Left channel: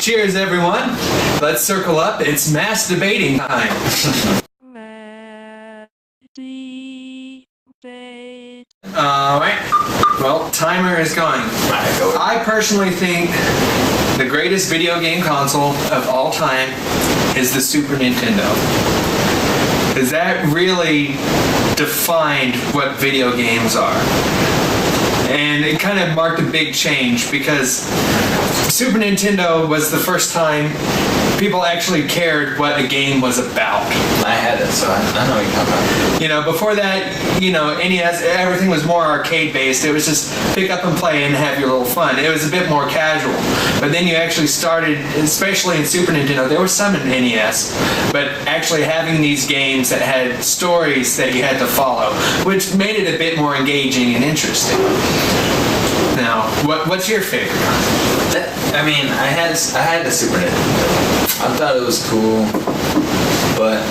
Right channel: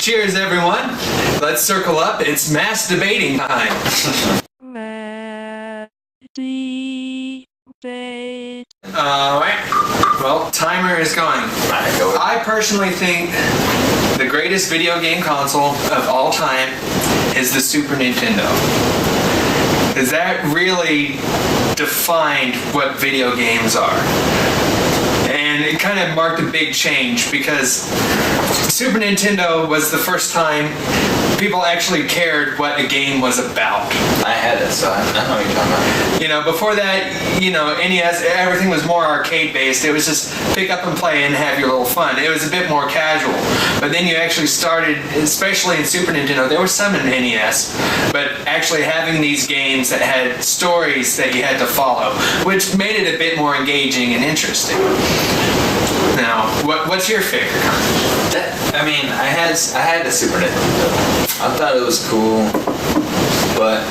Cheers, everyone. Let's circle up. It's mass debating time. Alright. Well, timer is going. I personally think the greatest video game console of all time is the Super Nintendo. Because that really defined what video games are. And it kind of marked a big change because Super Nintendo was the first time people actually cared what a game was about. I had it, so I know what you're talking about. You know, before that, you know, NES, everything was more arcade-based. It was just pick up and play and have your little fun. It was a bit more casual. But then you actually started, especially in Super Nintendo, there was some in NES, but actually having these games that had stories that you had to follow, which made it a bit more engaging and interesting. Now, what's your favorite? I had the Super Nintendo. I thought it was cool, but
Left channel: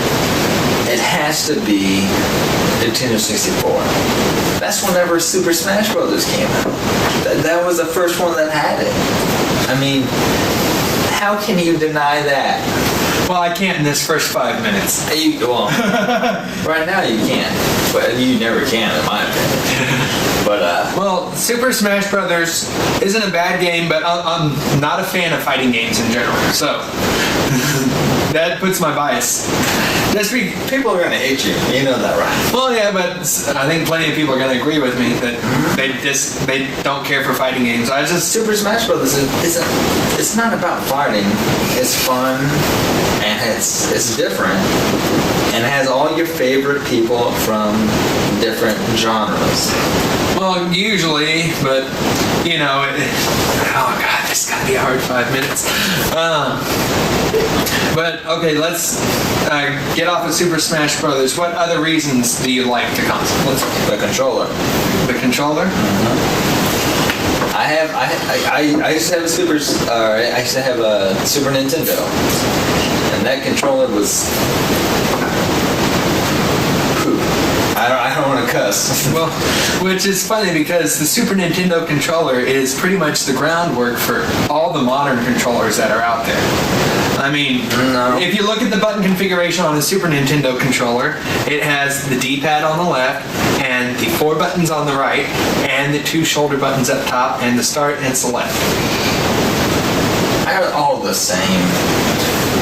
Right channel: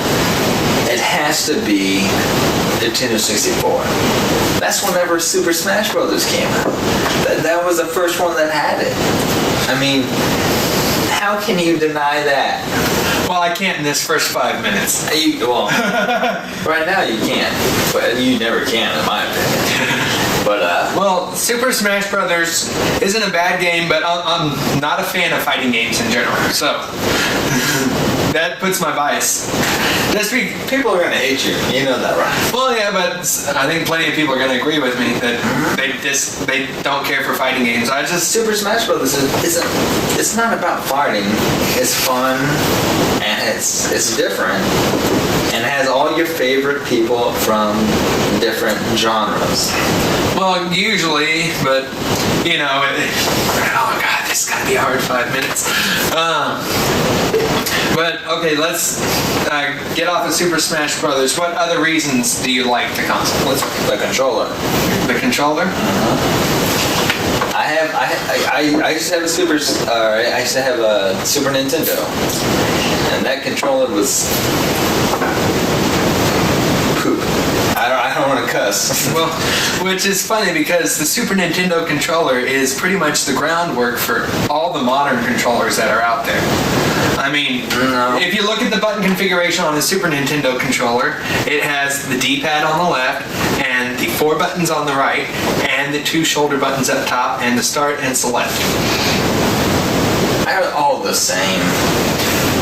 it has to be Nintendo 64. That's whenever Super Smash Bros. Came out. That was the first one that had it. I mean, how can you deny that? Well, I can't in this first 5 minutes. Right now you can't, but you never can, in my opinion. But well, Super Smash Brothers isn't a bad game, but I'm not a fan of fighting games in general. So that puts my bias. People are gonna hate you. You know that, right? Well, yeah, but I think plenty of people are gonna agree with me that they don't care for fighting games. Super Smash Brothers it's not about fighting. It's fun and it's different and it has all your favorite people from different genres. Well, usually, but you know, oh god, this is gonna be a hard 5 minutes. But okay, let's get off of Super Smash Brothers. What other reasons do you like the console? The controller. The controller? I used to have I used to have a Super Nintendo, and that controller was poop. I don't want to cuss. Well, which is funny because the Super Nintendo controller is pretty much the groundwork for all the modern controllers that are out there. I mean, if you look at the button configuration on the Super Nintendo controller, it has the D-pad on the left, and the 4 buttons on the right, and the 2 shoulder buttons up top, and the start and select. They're all the same.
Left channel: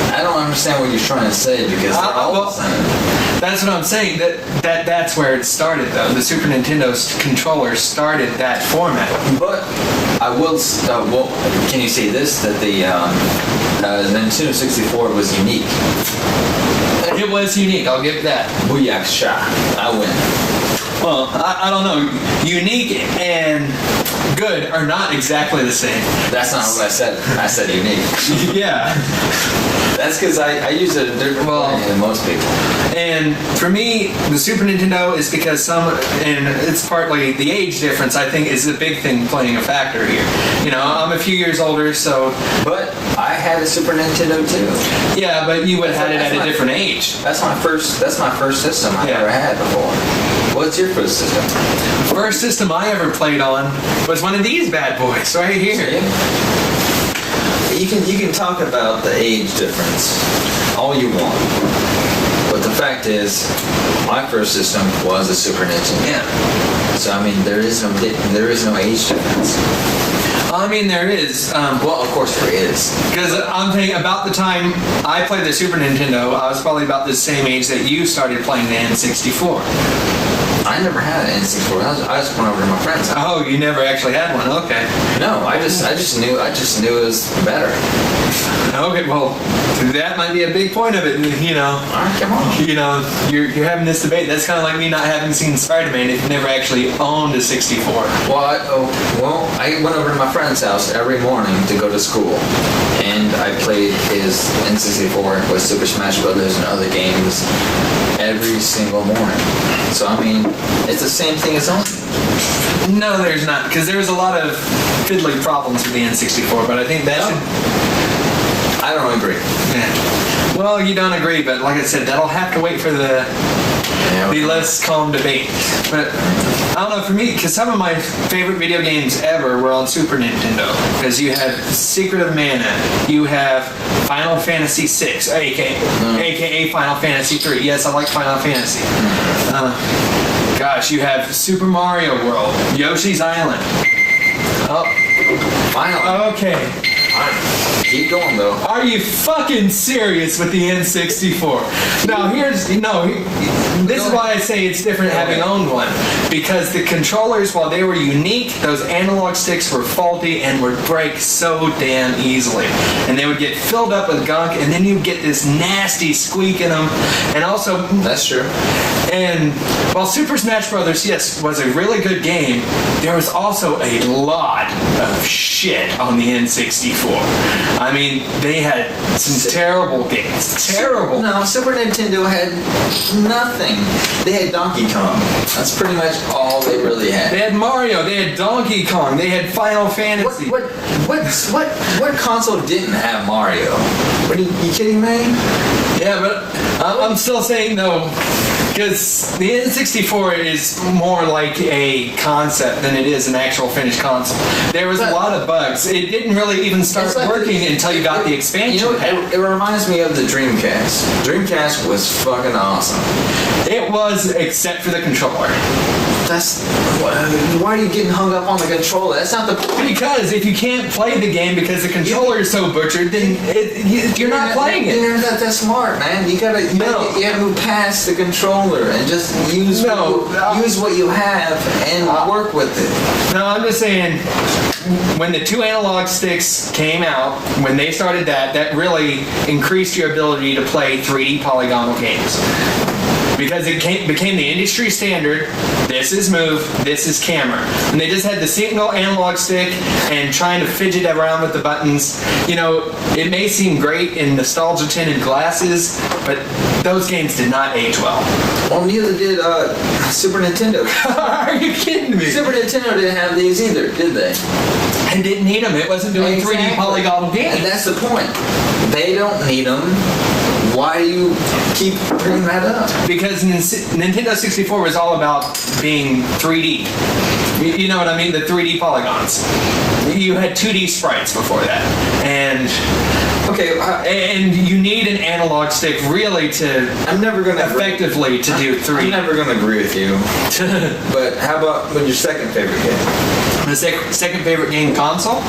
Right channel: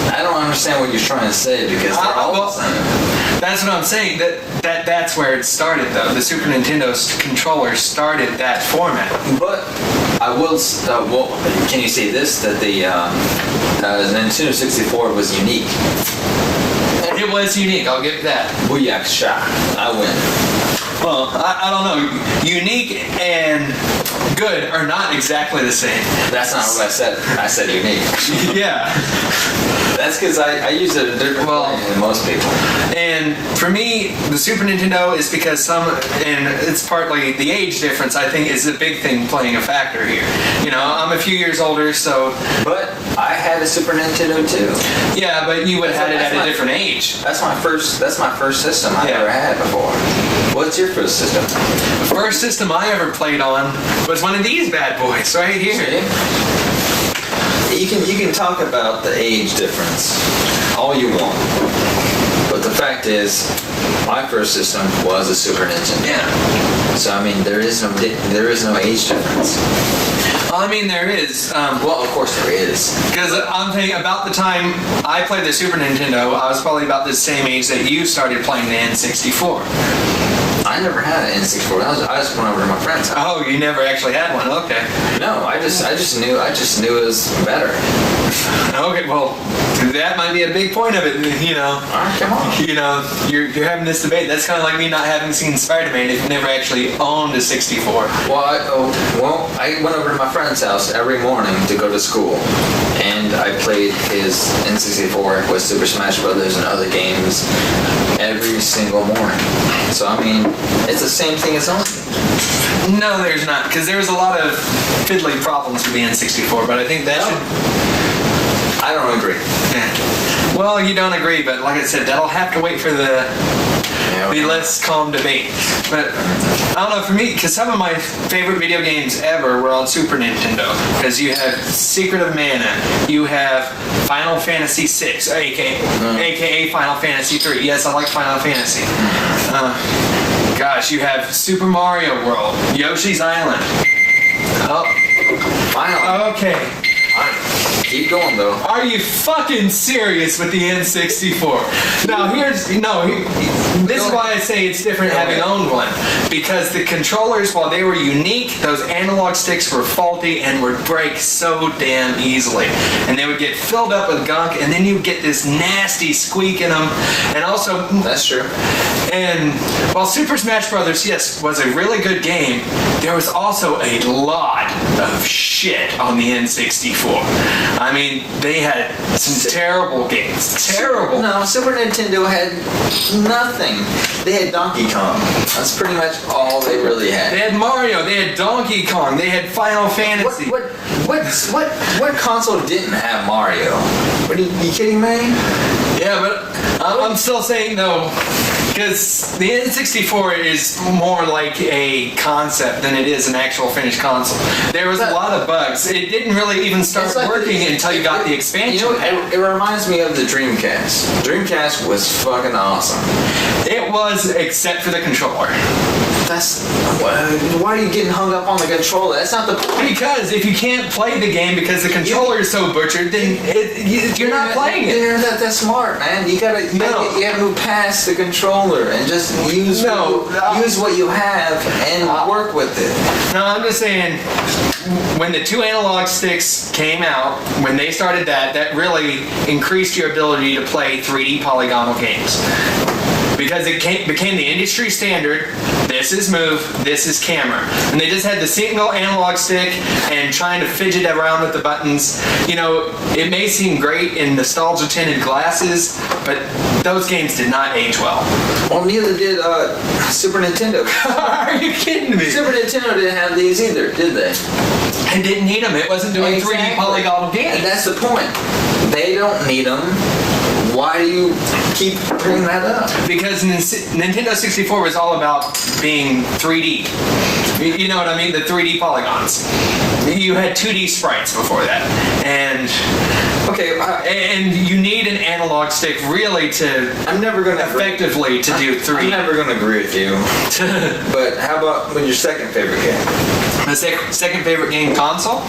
I don't understand what you're trying to say because they're all the same. That's what I'm saying. That's where it started, though. The Super Nintendo's controller started that format. But I will. Can you say this? That the Nintendo 64 was unique. It was unique. I'll give it that. Booyakasha! I win. Well, I don't know. Unique and good are not exactly the same. That's not what I said. I said unique. Yeah. That's because I use it a different way than most people. And for me, the Super Nintendo is because and it's partly the age difference, I think, is a big thing playing a factor here. You know, I'm a few years older, so... But I had a Super Nintendo too. Yeah, but you would have had it at a different age. That's my first system I've ever had before. What's your first system? The first system I ever played on was one of these bad boys right here. See? You can talk about the age difference all you want, but the fact is, my first system was a Super Nintendo. Yeah. So I mean, there is no age difference. I mean, there is. Well, of course there is. Because I'm thinking about the time I played the Super Nintendo, I was probably about the same age that you started playing the N64. I never had an N64. I just went over to my friend's house. Oh, you never actually had one? Okay. No, I just knew it was better. Okay, well, that might be a big point of it, you know. All right, come on. You know, you're having this debate. That's kind of like me not having seen Spider-Man if you never actually owned a 64. Well, I went over to my friend's house every morning to go to school, and I played his N64 with Super Smash Brothers and other games every single morning. So, I mean, it's the same thing as owning. No, there's not, because there's a lot of fiddly problems with the N64, but I think that should... I don't agree. Yeah. Well, you don't agree, but like I said, that'll have to wait for the Yeah, be less calm debate. But I don't know, for me, because some of my favorite video games ever were on Super Nintendo. Because you have Secret of Mana, you have Final Fantasy VI, aka Final Fantasy III. Yes, I like Final Fantasy. Gosh, you have Super Mario World, Yoshi's Island. Oh, Finally. okay. Keep going though. Are you fucking serious with the N64? Now this is why I say it's different having owned one. Because the controllers, while they were unique, those analog sticks were faulty and would break so damn easily. And they would get filled up with gunk, and then you'd get this nasty squeak in them. And also... That's true. And while Super Smash Bros., yes, was a really good game, there was also a lot of shit on the N64. I mean, they had some terrible games. Terrible. No, Super Nintendo had nothing. They had Donkey Kong. That's pretty much all they really had. They had Mario, they had Donkey Kong, they had Final Fantasy. What console didn't have Mario? What are you kidding me? Yeah, but I'm still saying though, because the N64 is more like a concept than it is an actual finished console. There was a lot of bugs. It didn't really even start working until you got the expansion pack. It reminds me of the Dreamcast. Dreamcast was fucking awesome. It was, except for the controller. Why are you getting hung up on the controller? That's not the point. Because if you can't play the game because the controller is so butchered, then you're not playing it. You're not that smart, man. You gotta move past the controller and just use what you have and work with it. No, I'm just saying, when the two analog sticks came out, when they started that really increased your ability to play 3D polygonal games. Because it became the industry standard. This is move, this is camera. And they just had the single analog stick and trying to fidget around with the buttons. You know, it may seem great in nostalgia tinted glasses, but those games did not age well. Well, neither did Super Nintendo. Are you kidding me? Super Nintendo didn't have these either, did they? And didn't need them. It wasn't doing 3D polygonal games. And that's the point. They don't need them. Why do you keep bringing that up? Because Nintendo 64 was all about being 3D. You know what I mean? The 3D polygons. You had 2D sprites before that. And you need an analog stick really to effectively to do 3D. I'm never going to agree with you. But how about your second favorite game? My second favorite game console?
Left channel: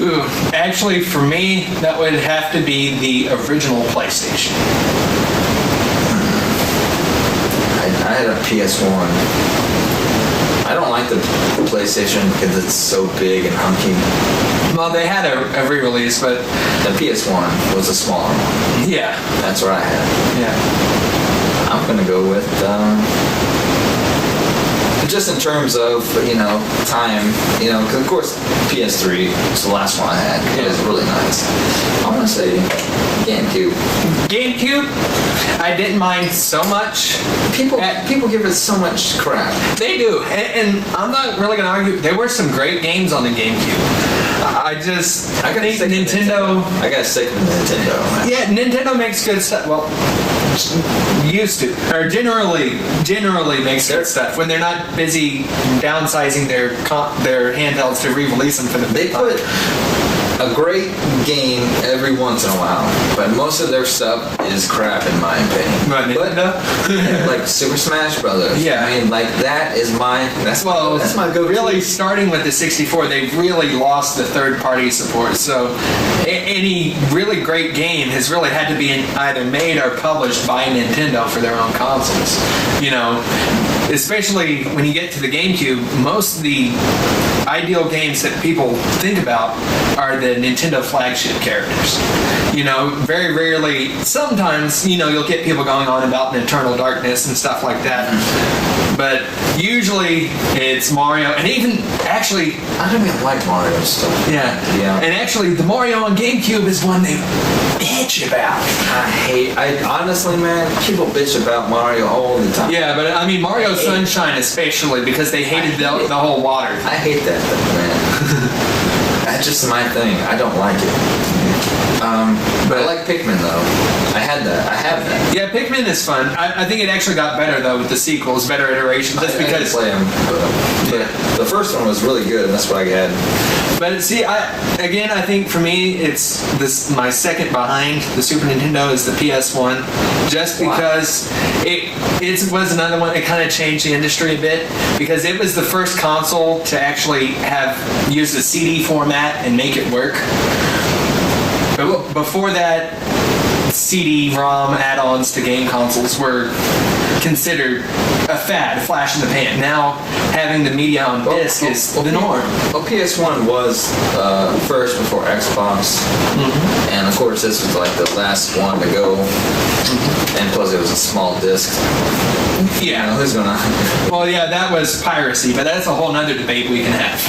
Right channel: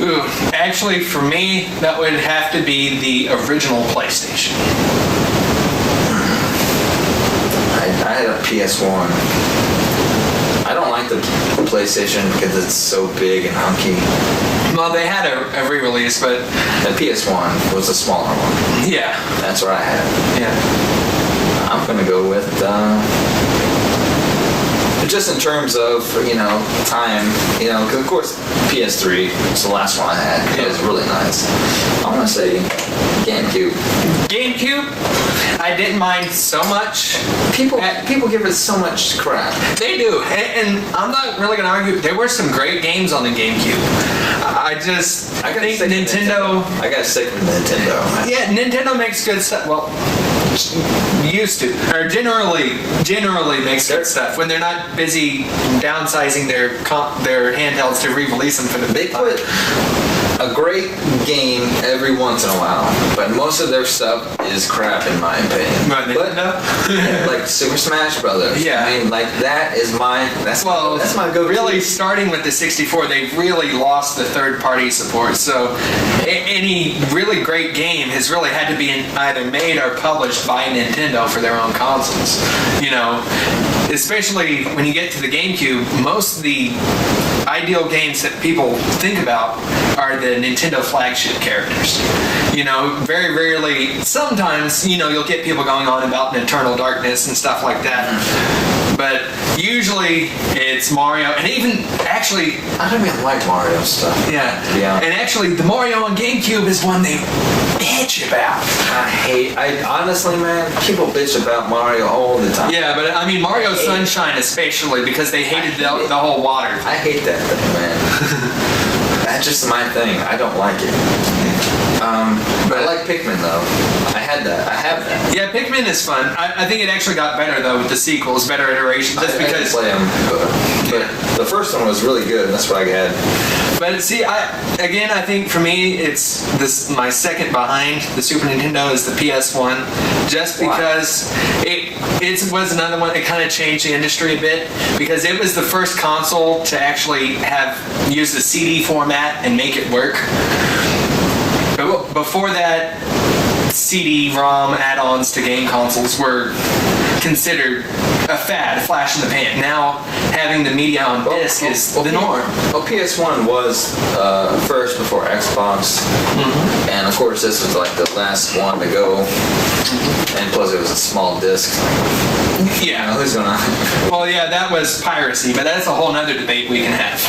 Ooh, actually, for me, that would have to be the original PlayStation. I had a PS1. I don't like the PlayStation because it's so big and hunky. Well, they had a re-release, but... The PS1 was a smaller one. Yeah. That's what I had. Yeah. I'm going to go with... just in terms of, time, because of course PS3 was the last one I had. It was really nice. I'm going to say GameCube. GameCube? I didn't mind so much. People give it so much crap. They do, and I'm not really going to argue. There were some great games on the GameCube. I think Nintendo... I got to stick with Nintendo, man. Yeah, Nintendo makes good stuff. Well, used to, or generally makes good stuff when they're not busy downsizing their handhelds to re-release them for the They put a great game every once in a while, but most of their stuff is crap in my opinion. What, Nintendo? Like Super Smash Brothers. Yeah. I mean, like that's my go-to. Really, starting with the 64, they've really lost the third-party support. So any really great game has really had to be either made or published by Nintendo for their own consoles. Especially when you get to the GameCube, most of the ideal games that people think about are the Nintendo flagship characters. Very rarely, sometimes, you'll get people going on about Eternal Darkness and stuff like that. But usually it's Mario, and even actually... I don't even like Mario stuff. Yeah. And actually, the Mario on GameCube is one they bitch about. I honestly, man, people bitch about Mario all the time. Yeah, but I mean Mario Sunshine especially, because they hated the whole water thing. I hate that thing, man. That's just my thing. I don't like it. But I like Pikmin though. I have that. Yeah, Pikmin is fun. I think it actually got better though with the sequels, better iterations. Just I didn't play them, but the first one was really good, and that's what I had. But see, I think for me, it's this. My second behind the Super Nintendo is the PS1, just because it was another one. It kind of changed the industry a bit because it was the first console to actually use the CD format and make it work. But before that, CD-ROM add-ons to game consoles were considered a fad, a flash in the pan. Now, having the media on disc is the norm. Well, PS1 was first before Xbox, and of course this was like the last one to go, and plus it was a small disc. Yeah. Who's gonna? Well, yeah, that was piracy, but that's a whole nother debate we can have.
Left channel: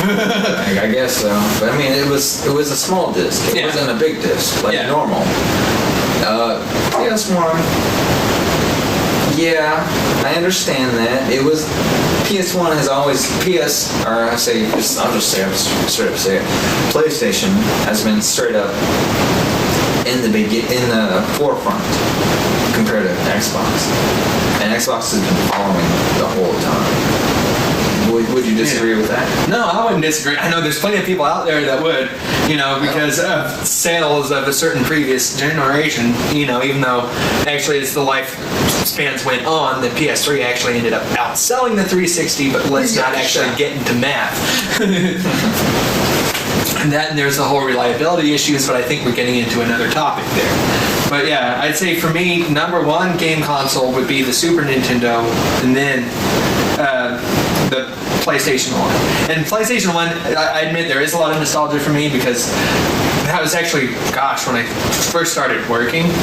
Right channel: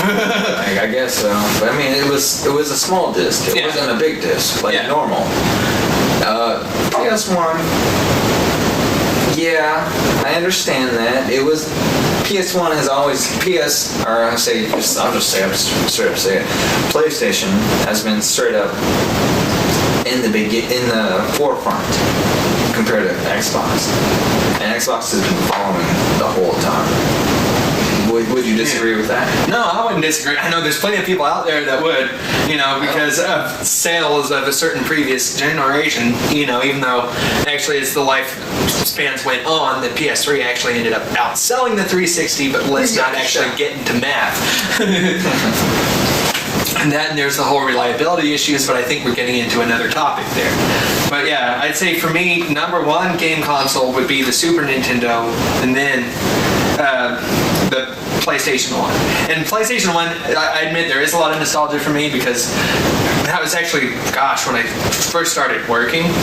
I guess so. But I mean, it was a small disc. It wasn't a big disc like normal. PS1. Yeah, I understand that. It was PS1 has always I'll just straight up say it. PlayStation has been straight up in the forefront compared to Xbox, and Xbox has been following the whole time. Would you disagree with that? No, I wouldn't disagree. I know there's plenty of people out there that would, because of sales of a certain previous generation, even though actually as the lifespans went on, the PS3 actually ended up outselling the 360, but let's not actually get into math. And there's the whole reliability issues, but I think we're getting into another topic there. But yeah, I'd say for me, number one game console would be the Super Nintendo, and then the PlayStation 1. And PlayStation 1, I admit there is a lot of nostalgia for me because that was actually, when I first started working.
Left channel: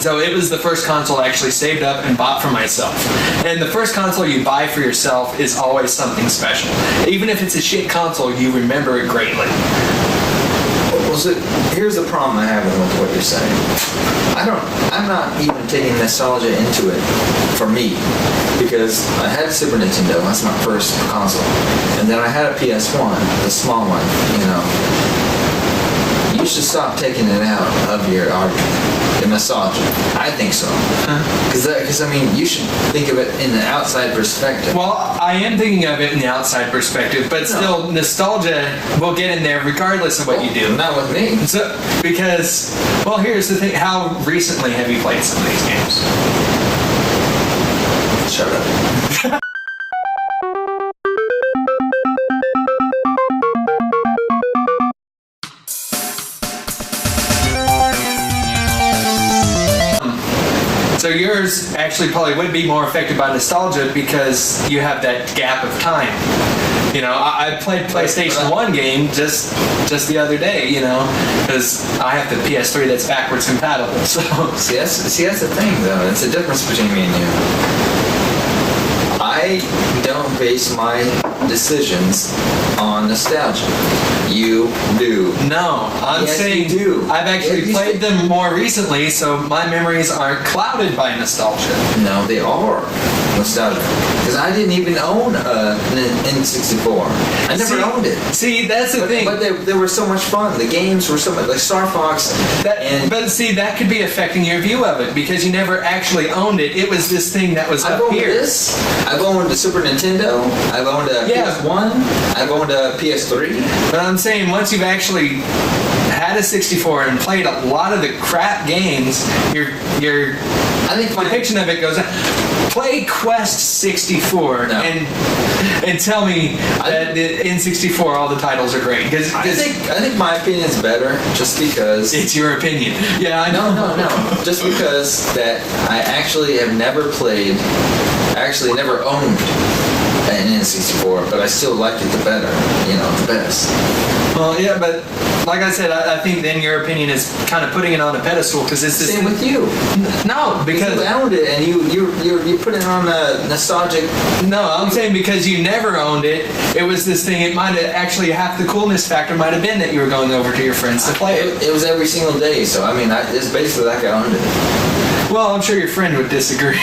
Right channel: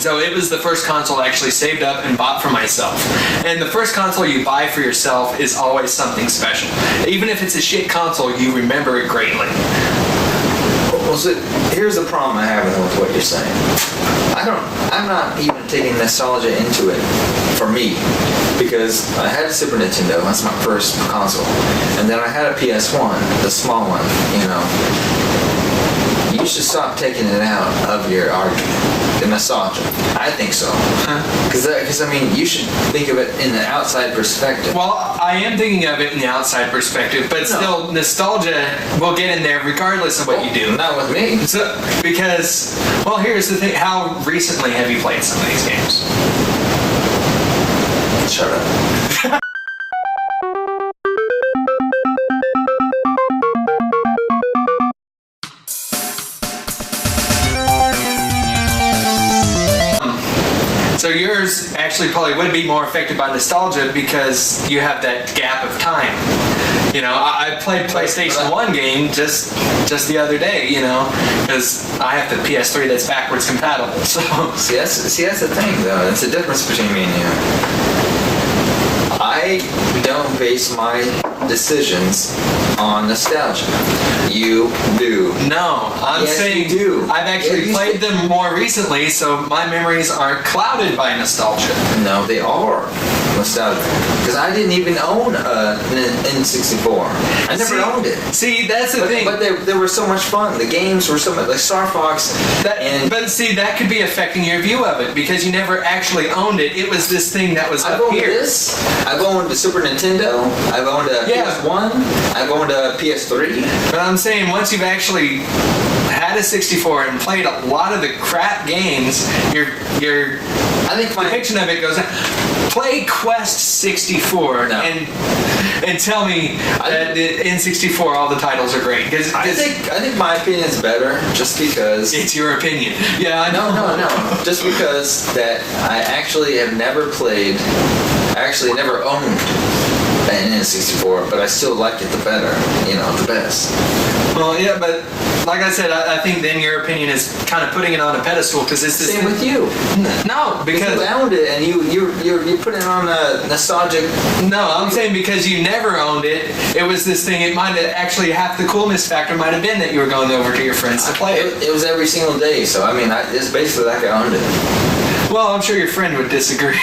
So it was the first console I actually saved up and bought for myself. And the first console you buy for yourself is always something special. Even if it's a shit console, you remember it greatly. Well, so here's the problem I have with what you're saying. I'm not even taking nostalgia into it for me. Because I had a Super Nintendo, that's my first console. And then I had a PS1, the small one, You should stop taking it out of your argument. The nostalgia. I think so. Because, you should think of it in the outside perspective. Well, I am thinking of it in the outside perspective, but still, nostalgia will get in there regardless of what you do. Not with me. So, because, here's the thing. How recently have you played some of these games? Shut up. So yours actually probably would be more affected by nostalgia because you have that gap of time. I played PlayStation 1 game just the other day, because I have the PS3 that's backwards compatible. So see, that's the thing, though. It's the difference between me and you. I don't base my decisions on nostalgia. You do. No, I'm saying you do. I've actually played them more recently, so my memories aren't clouded by nostalgia. No, they are nostalgia. Because I didn't even own an N64. I never owned it. See, that's the thing. But they were so much fun. The games were so much like Star Fox. But see, that could be affecting your view of it because you never actually owned it. It was this thing that was up here. I've owned a Super Nintendo. I've owned a PS1. I've owned a PS3. But I'm saying once you've actually had a 64 and played a lot of the crap games, your depiction of it goes on. Play Quest 64 and tell me that the N64 all the titles are great. I think my opinion is better just because it's your opinion. Yeah, I know. No. Just because that I actually have never played. I actually never owned an N64, but I still like it the better. The best. Well, yeah, but like I said, I think then your opinion is kind of putting it on a pedestal because it's the same with you. No, because you owned it and you put it on a nostalgic. No, I'm saying because you never owned it. It was this thing. It might have actually half the coolness factor might have been that you were going over to your friends to play it. It was every single day. So it's basically like I owned it. Well, I'm sure your friend would disagree.